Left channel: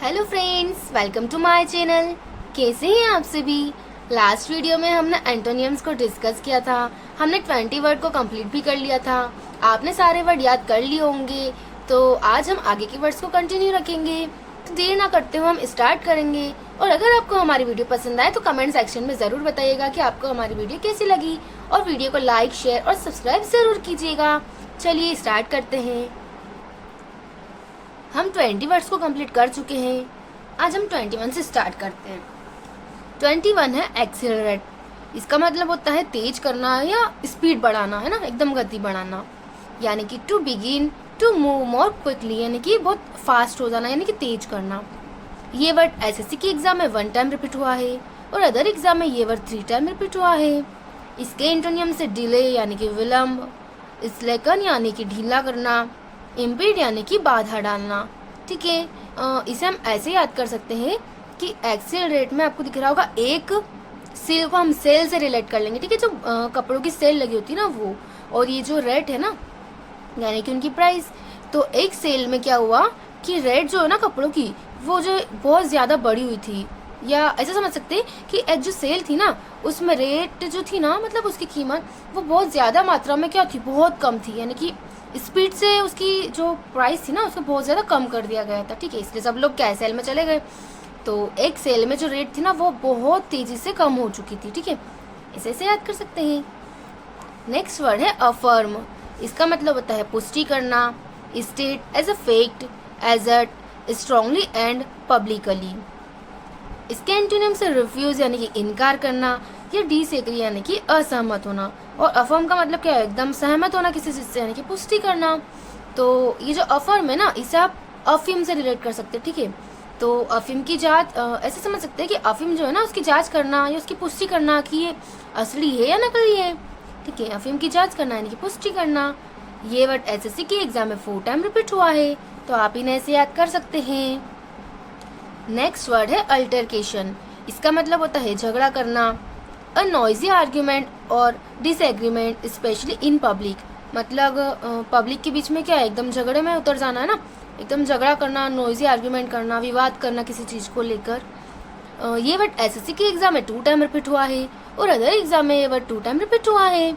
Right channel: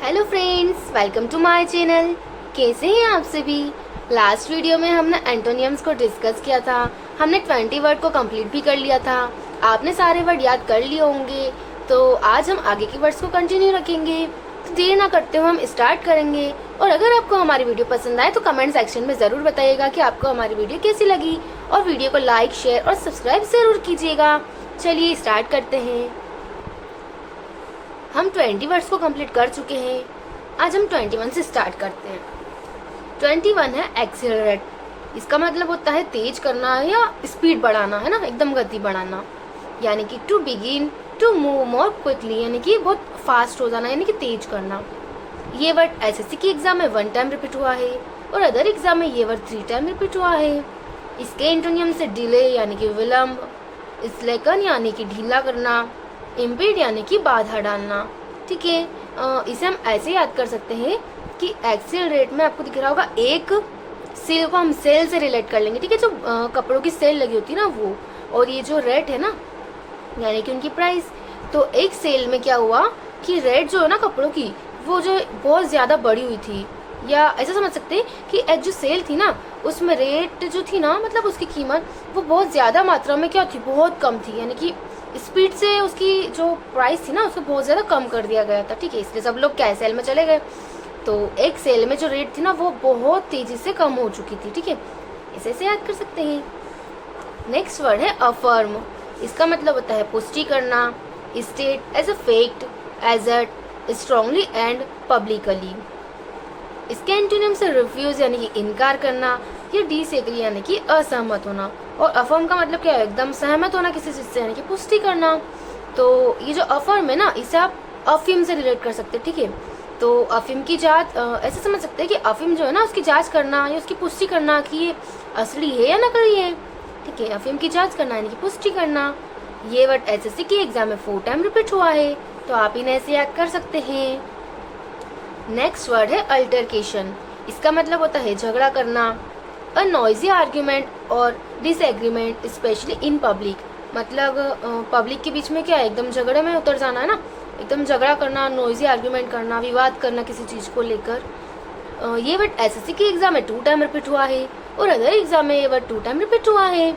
Hello friends, welcome to my channel. कैसे हैं आप सभी। लास्ट वीडियो में हमने एंटोनियम्स को डिस्कस किया था। हमने 20 वर्ड को कंप्लीट भी कर लिया था। आपने सारे वर्ड याद कर लिए होंगे। तो आज हम आगे के वर्ड्स को कंटिन्यू रखेंगे। तो देर ना करते हुए हम स्टार्ट करेंगे। और अगर आपको हमारी वीडियो पसंद आए तो कमेंट सेक्शन में ज़रूर बताइएगा कि आपको हमारी वीडियो कैसी लगी। और वीडियो को लाइक, शेयर और सब्सक्राइब ज़रूर कीजिएगा। चलिए स्टार्ट करते हैं। हम 20 वर्ड्स को कंप्लीट कर चुके हैं। आज हम 21 से स्टार्ट करते हैं। 21 है एक्सेलरेट। इसका मतलब होता है तेज करना या स्पीड बढ़ाना, है ना, एकदम गति बढ़ाना। यानी कि to begin to move more quickly, यानी कि बहुत फास्ट हो जाना, यानी कि तेज करना। ये वर्ड एसएससी की एग्जाम में 1 टाइम रिपीट हुआ है और अदर एग्जाम में ये वर्ड 3 टाइम रिपीट हुआ है। इसके एंटोनियम से डिले यानी कि विलम्ब, स्लेकन यानी कि ढीला करना, इम्पीड यानी कि बाधा डालना। ठीक है, इसे हम ऐसे याद कर सकते हैं कि एक्सेल रेट में आपको दिख रहा होगा एक सेल को हम सेल से रिलेट कर लेंगे। ठीक है, जो कपड़ों की सेल लगी होती है ना वो, और ये जो रेट है ना यानी कि उनकी प्राइस। तो एक सेल में क्या हुआ कि रेट जो है ना कपड़ों की वो जो बहुत ज्यादा बढ़ी हुई थी, या ऐसा समझ सकते हैं कि एक जो सेल थी ना उसमें रेट जो थी ना, मतलब उसकी कीमत वो बहुत ज्यादा मात्रा में क्या थी, बहुत कम थी। यानी कि स्पीड से उसकी जो प्राइस थी ना उसको बहुत ज्यादा कम कर दिया गया था। ठीक है, इसलिए सब लोग क्या सेल में चले गए। तो एक सेल में जो रेट थी ना वो बहुत तेजी से कम हो चुकी थी। ठीक है, इसे याद कर सकते हैं। नेक्स्ट वर्ड है अफर्म। इसका मतलब होता है पुष्टि करना, state as a fact, assert, strongly and publicly. इसके एंटोनिम से रिफ्यूज यानी कि इनकार करना, या डिसएग्री यानी कि असहमत होना। और अफर्म का मतलब क्या है, एकदम सहमत होना किसी चीज से, यानी कि पुष्टि करना। तो ये जो अफर्म है ना इसे आप अफीम से रिलेट कर सकते हैं। ठीक है, तो अफीम की जांच ऐसे समझ सकते हैं कि अफीम जो है ना उसकी जांच करना या उसकी पुष्टि करना कि ये असली है या नकली है। ठीक है, अफीम की जांच करना यानी कि पुष्टि करना। ये वर्ड एसएससी की एग्जाम में 4 टाइम रिपीट हुआ है, तो आप इन्हें ऐसे याद कर सकते हैं। नेक्स्ट वर्ड है अल्टरकेशन। इसका मतलब होता है झगड़ा करना, अ नॉइजी आर्ग्यूमेंट और डिसएग्रीमेंट स्पेशली इन पब्लिक। मतलब पब्लिक के बीच में क्या है, एकदम झगड़े में उतर जाना है ना, एकदम झगड़ा करना, नॉइजी आर्ग्यूमेंट करना, विवाद करना किसी चीज को लेकर। ये वर्ड एसएससी की एग्जाम में 2 टाइम रिपीट हुआ है और अदर एग्जाम में ये वर्ड 2 टाइम रिपीट हुआ है।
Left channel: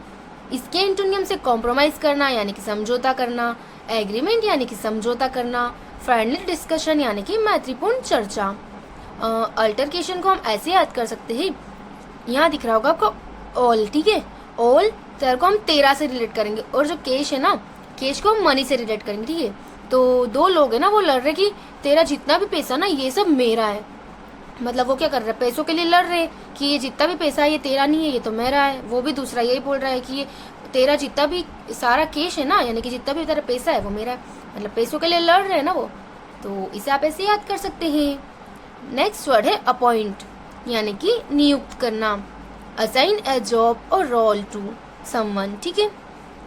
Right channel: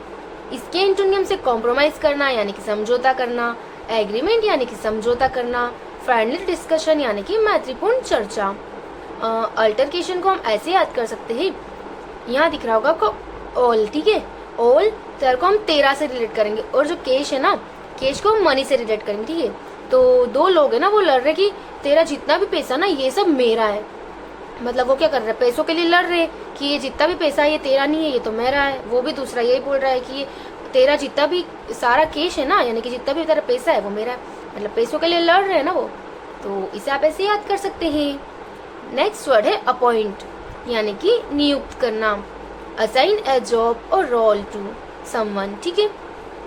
इसके एंटोनियम से कॉम्प्रोमाइज करना यानी कि समझौता करना, एग्रीमेंट यानी कि समझौता करना, फ्रेंडली डिस्कशन यानी कि मैत्रीपूर्ण चर्चा। अल्टरकेशन को हम ऐसे याद कर सकते हैं, यहाँ दिख रहा होगा आपको ऑल। ठीक है, ऑल तेरह को हम 13 से रिलेट करेंगे, और जो केश है ना केश को हम मनी से रिलेट करेंगे। ठीक है, तो दो लोग है ना वो लड़ रहे कि तेरा जितना भी पैसा ना ये सब मेरा है। मतलब वो क्या कर रहे हैं, पैसों के लिए लड़ रहे कि ये जितना भी पैसा है ये तेरा नहीं है, ये तो मेरा है। वो भी दूसरा यही बोल रहा है कि ये तेरा जितना भी सारा केश है ना, यानी कि जितना भी तेरा पैसा है वो मेरा है। मतलब पैसों के लिए लड़ रहे हैं ना वो, तो इसे आप ऐसे याद कर सकते हैं। नेक्स्ट वर्ड है अपॉइंट, यानी कि नियुक्त करना, असाइन ए जॉब और रोल टू समवन। ठीक है,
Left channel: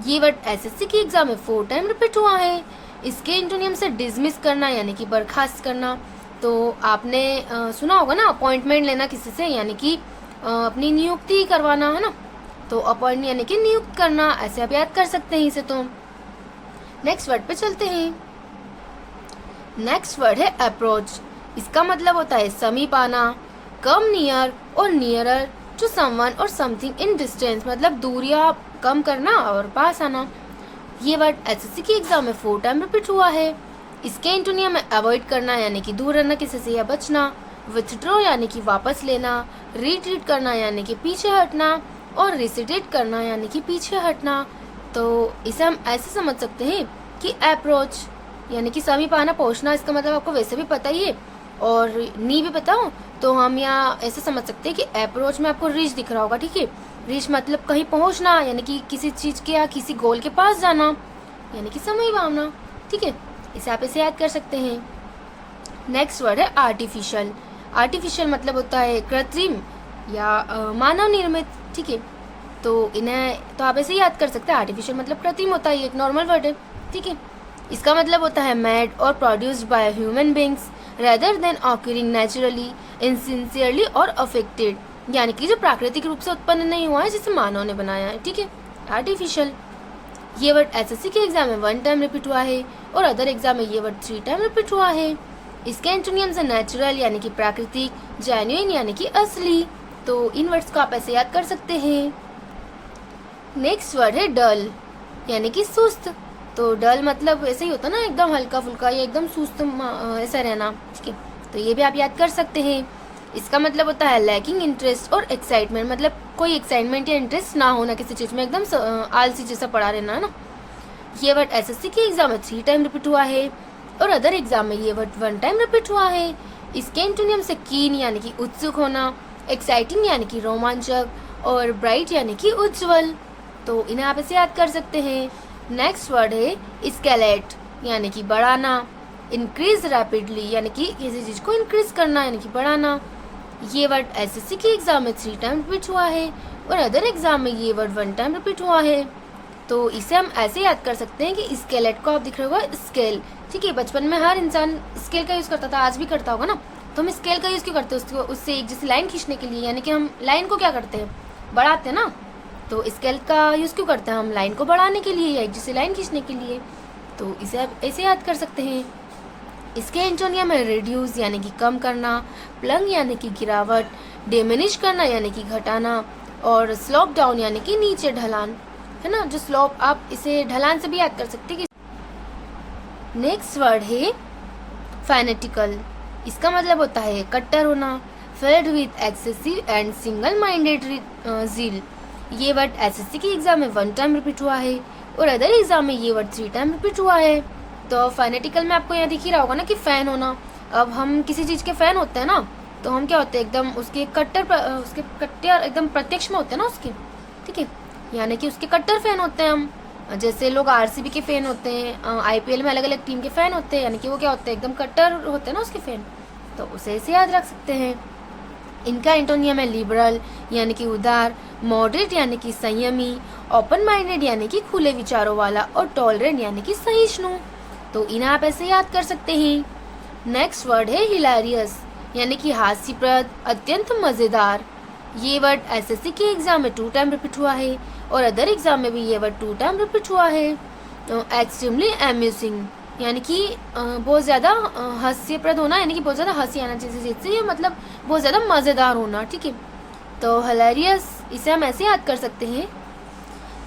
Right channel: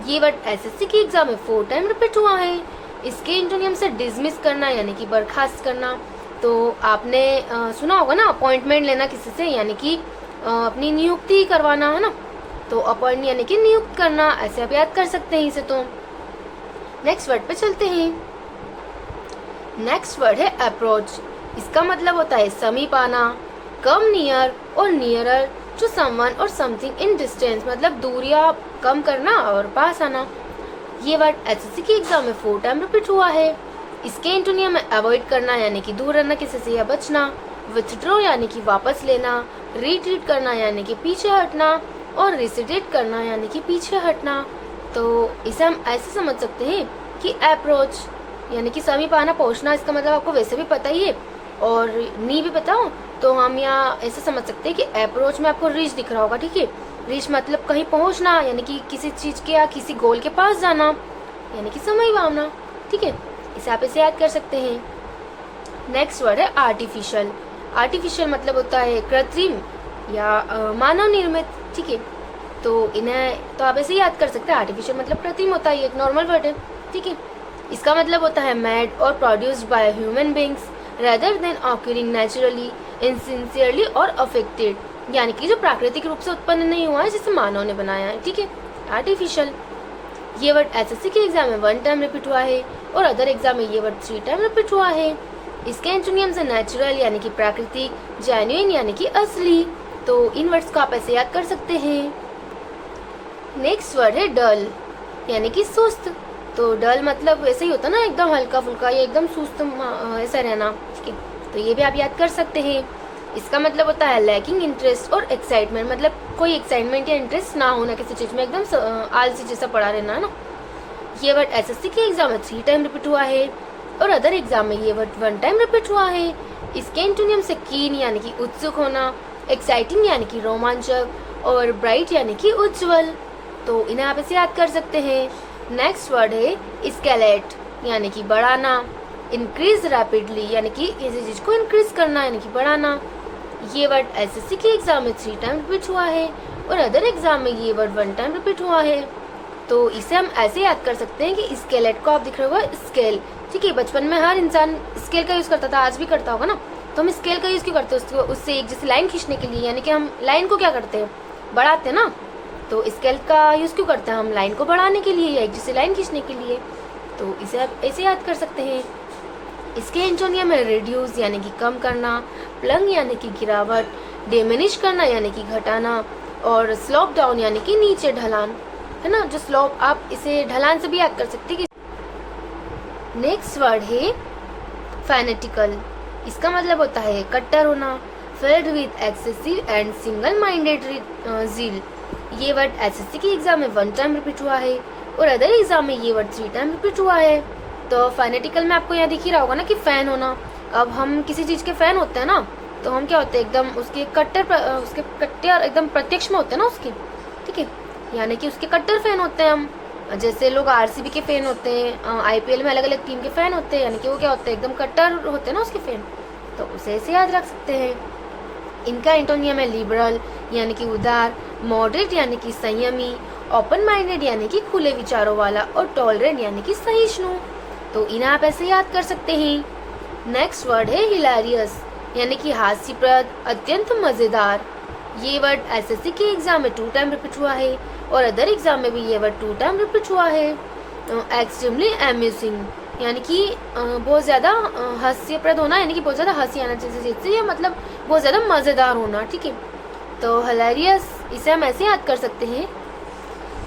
ये वर्ड एसएससी की एग्जाम में 4 टाइम रिपीट हुआ है। इसके एंटोनियम से डिसमिस करना यानी कि बर्खास्त करना। तो आपने सुना होगा ना अपॉइंटमेंट लेना किसी से, यानी कि अपनी नियुक्ति करवाना, है ना। तो अपॉइंट यानी कि नियुक्त करना, ऐसे आप याद कर सकते हैं इसे। तो नेक्स्ट वर्ड पे चलते हैं। नेक्स्ट वर्ड है अप्रोच। इसका मतलब होता है समीप आना, कम नियर और नियरर टू समवन और समथिंग इन डिस्टेंस। मतलब दूरियां कम करना और पास आना। ये वर्ड एसएससी की एग्जाम में 4 टाइम रिपीट हुआ है। इसके एंटोनियम में अवॉइड करना यानी कि दूर रहना किसी से या बचना, विथड्रॉ यानी कि वापस लेना, रिट्रीट करना यानी कि पीछे हटना, और रिसिडेट करना यानी कि पीछे हटना। तो इसे हम ऐसे समझ सकते हैं कि अप्रोच यानी कि समीप आना, पहुंचना। इसका मतलब आपको वैसे भी पता ही है, और नी भी बताओ तो हम यहाँ ऐसे समझ सकते हैं कि अप्रोच में आपको रीच दिख रहा होगा। ठीक है, रीच मतलब कहीं पहुंचना, यानी कि किसी चीज के या किसी गोल के पास जाना, यानी कि समीप आना। ठीक है, इसे आप ऐसे याद कर सकते हैं। नेक्स्ट वर्ड है आर्टिफिशियल। आर्टिफिशियल मतलब होता है कृत्रिम या मानव निर्मित। ठीक है, तो इन्हें तो आप ऐसे याद कर सकते हैं। आर्टिफिशियल मतलब कृत्रिम होता है, एक नॉर्मल वर्ड है। ठीक है, इसका मतलब होता है मेड और produced by human beings rather than occurring naturally, insincerely और अफेक्टेड। यानी कि जो प्राकृतिक रूप से उत्पन्न नहीं हुआ है, जिसे मानव ने बनाया है। ठीक है, आर्टिफिशियल। ये वर्ड एसएससी के एग्जाम में 1 टाइम रिपीट हुआ है और अदर एग्जाम में ये वर्ड 3 टाइम रिपीट हुआ है। इसके एंटोनियम्स है नेचुरल यानी कि प्राकृतिक, जेन्युइन यानी कि असली। तो इन वर्ड्स को आप ऐसे याद कर सकते हैं। नेक्स्ट वर्ड है डल यानी कि सुस्त। तो डल मतलब ऐसे ही होता ना, एकदम हल्का फुल्का या एकदम सुस्त ऐसा रहना, ठीक है। तो ये भी आप याद कर सकते हैं। इसका मतलब होता है लैकिंग इंटरेस्ट और एक्साइटमेंट, मतलब कोई एक्साइटमेंट या इंटरेस्ट ना होना किसी चीज में, एकदम आलसी जैसा पड़ा रहना, है ना। ये वर्ड एसएससी के एग्जाम में 3 टाइम रिपीट हुआ है और अदर एग्जाम में ये वर्ड 1 टाइम रिपीट हुआ है। इसके एंटोनियम से कीन यानी कि उत्सुक होना, एक्साइटिंग यानी कि रोमांचक और ब्राइट यानी कि उज्जवल। तो इन्हें आप ऐसे याद कर सकते हैं। नेक्स्ट वर्ड है स्केलेट यानी कि बढ़ाना, इंक्रीज रैपिडली यानी कि किसी चीज को इंक्रीज करना यानी कि बढ़ाना। ये वर्ड एसएससी के एग्जाम में 3 टाइम रिपीट हुआ है और अदर एग्जाम में ये वर्ड 1 टाइम रिपीट हुआ है। तो इसे हम ऐसे याद कर सकते हैं कि स्केलेट को आप दिख रहे होगा स्केल, ठीक है। बचपन में हर इंसान स्केल का यूज करता था, आज भी करता होगा ना। तो हम स्केल का यूज क्यों करते हैं? उससे एक जैसे लाइन खींचने के लिए, यानी कि हम लाइन को क्या करते हैं, बढ़ाते हैं ना। तो स्केल का यूज क्यों करते हैं? हम लाइन को बढ़ाने के लिए या एक जैसे लाइन खींचने के लिए। तो इसे आप ऐसे याद कर सकते हैं। इसके एंटोनियम है रिड्यूस यानी कि कम करना, प्लंग यानी कि गिरावट, डिमिनिश करना यानी कि घटाना और स्लोप डाउन यानी कि नीचे ढलान, है ना। जो स्लोप, आप इसे ढलान से भी याद कर सकते हैं। नेक्स्ट वर्ड है फैनेटिकल। इसका मतलब होता है कट्टर होना, filled with excessive and single minded zeal. ये वर्ड एसएससी के एग्जाम में 1 टाइम रिपीट हुआ है और अदर एग्जाम में ये वर्ड 3 टाइम रिपीट हुआ है। तो फैनेटिकल में आपको यहाँ दिख ही रहा होगा ना कि फैन होना। अब हम किसी चीज के फैन होते हैं ना, तो हम क्या होते हैं, एकदम उसके कट्टर एकदम प्रत्यक्ष में होते हैं ना उसके, ठीक है। यानी कि उसके कट्टर फैन होते हैं हम। जैसे लोग आरसीबी के फैन होते हैं, आईपीएल में अलग अलग टीम के फैन होते हैं, यानी कि वो क्या होते हैं, एकदम कट्टर होते हैं ना उसके फैन। तो उसे ऐसे याद रख सकते हैं। इनका एंटोनियम है लिबरल यानी कि उदार, मॉडरेट यानी कि संयमी, ओपन माइंडेड यानी कि खुले विचारों वाला और टॉलरेंट यानी कि सहिष्णु। तो इन्हें आप ऐसे याद कर सकते हैं। नेक्स्ट वर्ड है हिलेरियस यानी कि हास्यप्रद, अत्यंत मजेदार। ये वर्ड एसएससी के एग्जाम में 2 टाइम रिपीट हुआ है और अदर एग्जाम में भी ये वर्ड 2 टाइम रिपीट हुआ है। एक्सट्रीमली अम्यूजिंग यानी कि बहुत ज्यादा हास्यप्रद होना, यानी कि बहुत ज्यादा हंसी आना चाहिए जिससे, ये मतलब बहुत ज्यादा मजेदार होना, ठीक है। तो हिलेरियस इसे हम ऐसे याद कर सकते हैं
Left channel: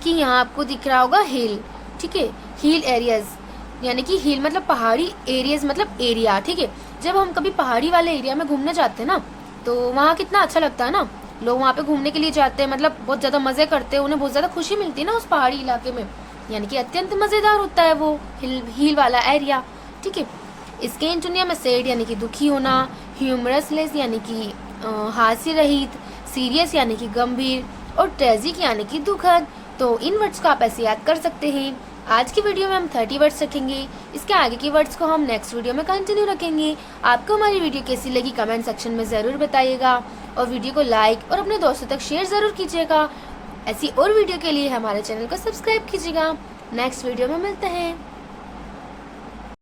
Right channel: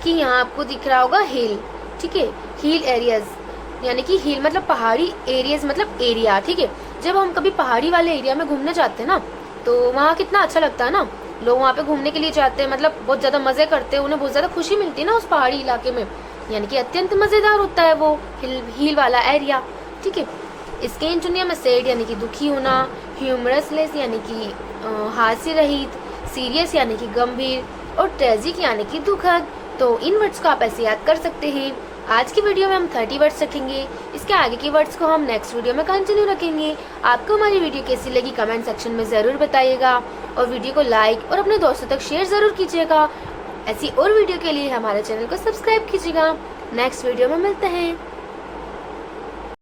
कि यहाँ आपको दिख रहा होगा हिल, ठीक है। हिल एरियाज यानी कि हिल मतलब पहाड़ी, एरियाज मतलब एरिया, ठीक है। जब हम कभी पहाड़ी वाले एरिया में घूमने जाते हैं ना, तो वहाँ कितना अच्छा लगता है ना। लोग वहाँ पे घूमने के लिए जाते हैं, मतलब बहुत ज्यादा मजे करते हैं, उन्हें बहुत ज्यादा खुशी मिलती है ना उस पहाड़ी इलाके में, यानी कि अत्यंत मजेदार होता है वो हिल वाला एरिया, ठीक है। इसके एंटोनियम में सैड यानी कि दुखी होना, ह्यूमरसलेस यानी कि हास्य रहित, सीरियस यानी कि गंभीर और ट्रेजिक यानी कि दुखद। तो इन वर्ड्स को आप ऐसे याद कर सकते हैं। आज की वीडियो में हम 30 वर्ड्स रखेंगे, इसके आगे के वर्ड्स को हम नेक्स्ट वीडियो में कंटिन्यू रखेंगे। आपको हमारी वीडियो कैसी लगी कमेंट सेक्शन में जरूर बताइएगा और वीडियो को लाइक और अपने दोस्तों तक शेयर जरूर कीजिएगा। ऐसी और वीडियो के लिए हमारे चैनल को सब्सक्राइब कीजिएगा। नेक्स्ट वीडियो में मिलते हैं।